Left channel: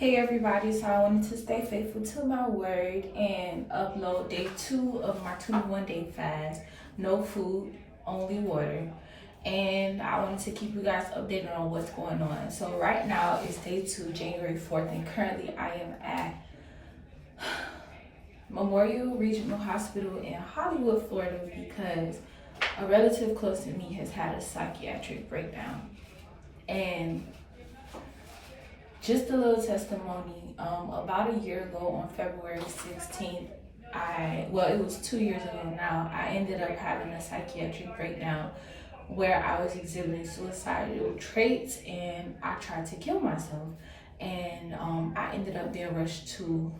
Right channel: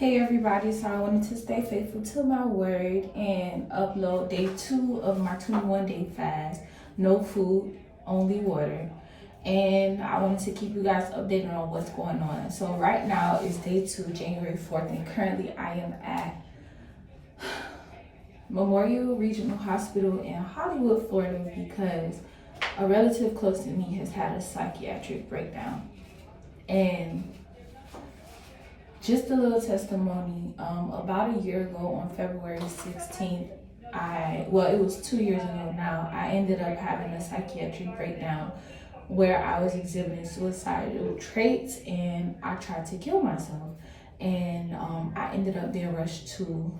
Hey everybody, so I wanted to stay faithful to my word and upload day 2 of my 21-day fast. No food, only water. And I wanted to keep you guys updated on what's going on. So right now is day 2, January 4th, and currently I am at Memorial Regional Hospital in Hollywood, Florida, because a relative close to me has had a psychiatric breakdown. And just a little testimony, about a year ago on February 16th, it was 2 years ago now, I ended up having a psychiatric breakdown where I was exhibiting suicidal traits and I tried to kill myself. And I ended up being rushed to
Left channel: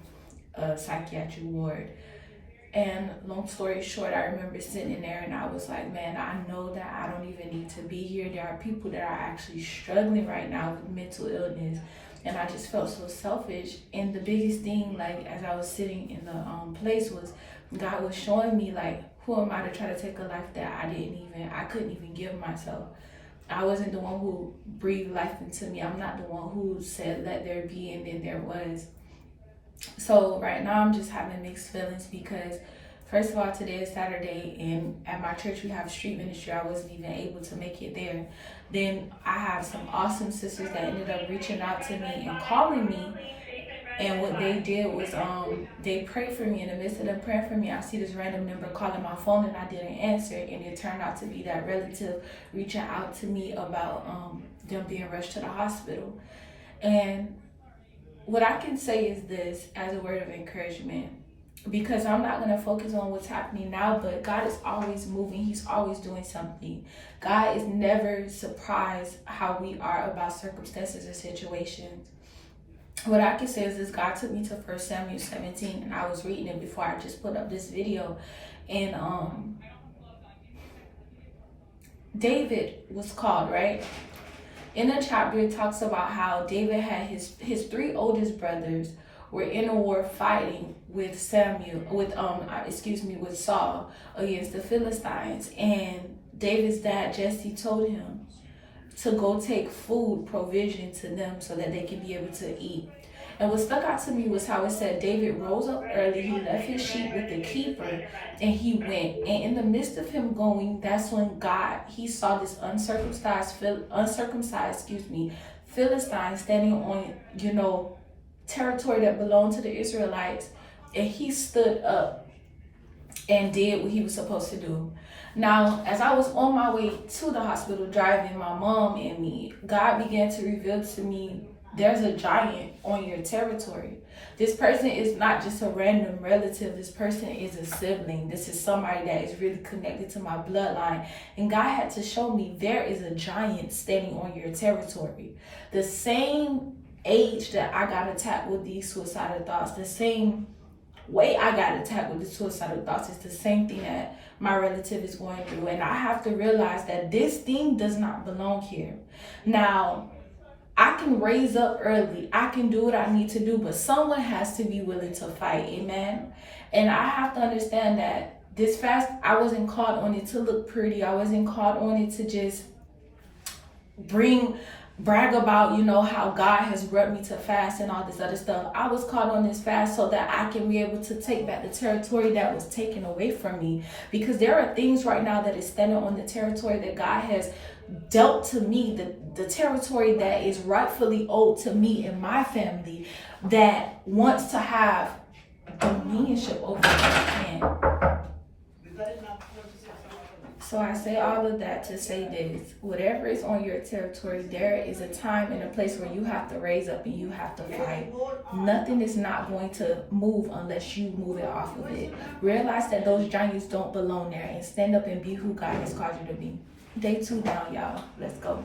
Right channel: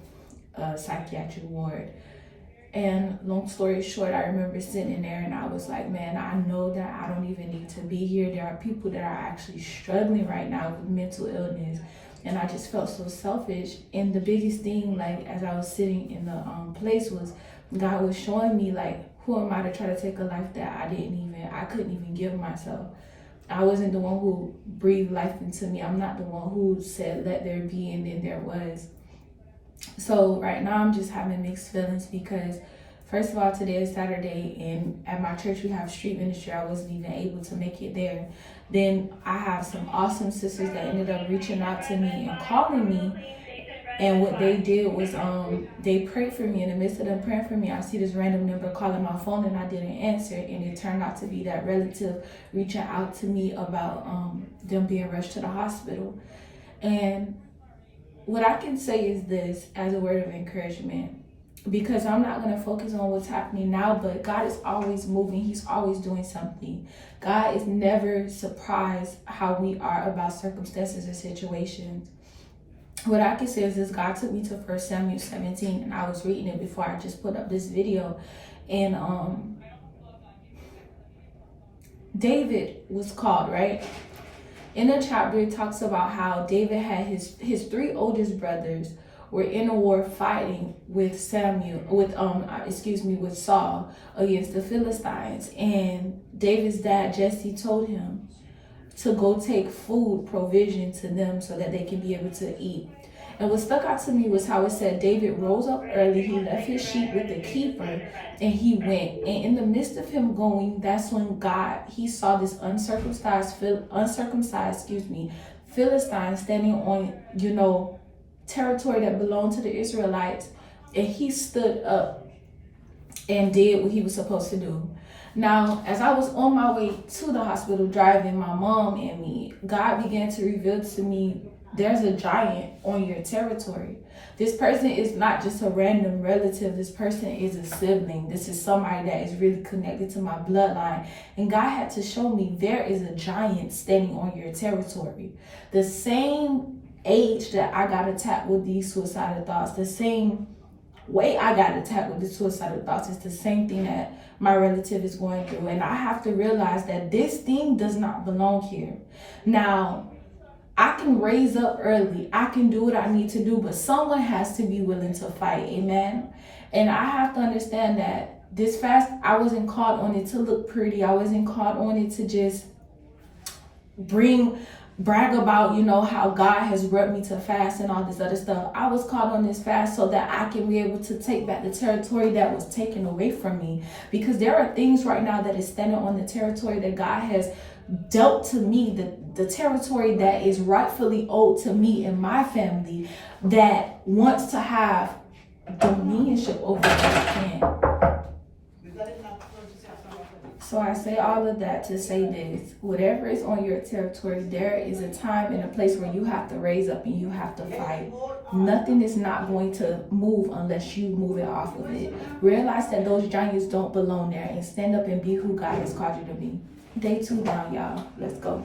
a psychiatric ward. And long story short, I remember sitting in there and I was like, man, I know that I don't even need to be here. There are people that are actually struggling right now with mental illness. And I just felt so selfish. And the biggest thing, like, as I was sitting in the place, was God was showing me, like, who am I to try to take a life that I couldn't even give myself. I wasn't the one who breathed life into me. I'm not the one who said, let there be, and then there was. So right now I'm just having mixed feelings because, first of all, today is Saturday, and at my church we have street ministry. I wasn't even able to make it there. Then I have some awesome sisters that ended up reaching out to me and calling me. And what they did was they prayed for me. In the midst of them praying for me, I see this random number calling my phone and I didn't answer. And it turned out to be that relative reaching out to me about them being rushed to the hospital. And what I can say is this as a word of encouragement, because I'm not going to focus on what's happening now, but God is always moving. He's always doing something. God is never surprised how we are about circumstances or situations. What I can say is this: God took me to 1 Samuel 17, and I was reading it before I just put up this video. And David was called, right? In the chapter, it talks about how David had his 3 oldest brothers were in a war fighting with with Saul against the Philistines. And David's dad, Jesse, told him to go take food provision to them so that they can be able to eat. And what stuck out to me was how it said David rose up early, he left his sheep with the keeper, and he went. And in the midst of him going, that's when he saw this uncircumcised Philistine standing on, territory that belonged to the Israelites. And he stood up and did what he was supposed to do. Now, as I was on my way to the hospital driving my mom and me, God began to reveal to me, there's a giant on your territory. This person is not just a random relative. This person is a sibling. This is somebody that is really connected to my bloodline. And God had to show me there is a giant standing on your territory. The same age that I got attacked with these suicidal thoughts, the same way I got attacked with the suicidal thoughts, is the same thing that my relative is going through. And I have to realize that this thing does not belong here. Now, I can raise up early. I can do what I need to do, but someone has to be willing to fight. Amen. And I have to understand that this fast, I wasn't called on it to look pretty. I wasn't called on it to just brag about, how God has brought me to fast and all this other stuff. I was called on this fast so that I can be able to take back the territory that was taken away from me. Because there are things right now that is standing on the territory that God has dealt to me, the territory that is rightfully owed to me and my family, that wants to have dominionship over this land. So I say all of that to say this: whatever is on your territory, there is a time and a place where you have to raise up and you have to fight. Nothing is not going to move unless you move it off of it. Realize that those giants don't belong there and stand up and be who God has called you to be. Day 2 down, y'all. Let's go.